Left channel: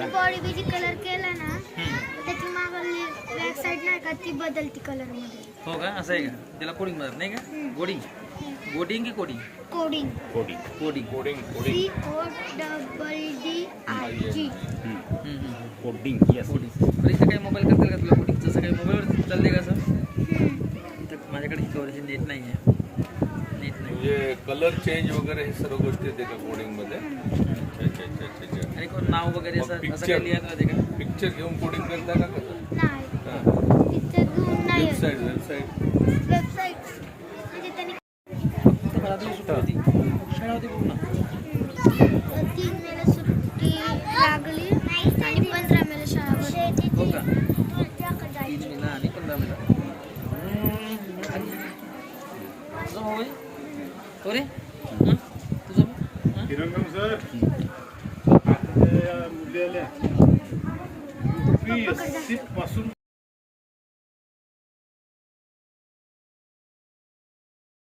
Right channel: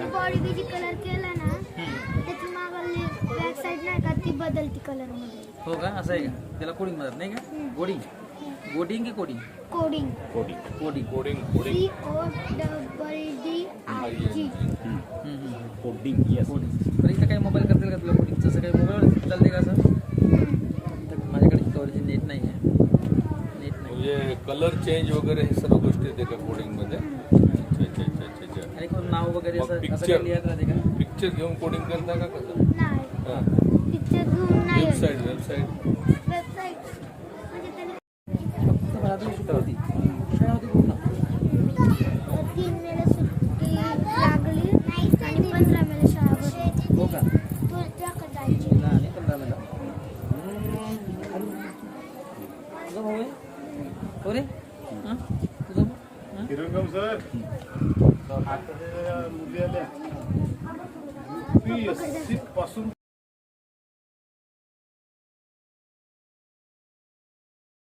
आणि बॉडी बी कलर केला ना त्याची मागली बॅक साइड नाही का ती बदलती कलर मध्ये. हो का, असं आहे का? त्याला कोडिंग म्हणत नाही का? कोडिंग कोडिंग की coding coding coding coding CODDIG. Coding yes. Coding. तर इथं काही मोबाईल करतील का तुला कोडिंग? जसं काही मोबाईलवर चालते का असं? तर माझ्याकडे कवरेज नेट नाही आहे. नेट नाही. म्हणजे कलर चेंज वगैरे हे सर्व गोष्टी येते का कोडिंग मध्ये? अच्छा. आणि कोण नाव वगैरे मग असं picture? काही लिहित राहते का? पिक्चर घेऊन कोडिंग करता का कसं? नाही पिक्चर घेऊन नाही वेबसाईट वेबसाईट म्हणजे त्यांनी फक्त घरातली सुट्टी होती. शाळा होती पूर्ण. 3 मेला सुट्टी लागली आणि 15 मेला शाळा भरली. हो का? 3 मेला आणि 15 मेला. तुझा भाऊ आहे? हो रे? हं? तुझा भाऊ? हं? हिरंगम सर मुली आल्या पासून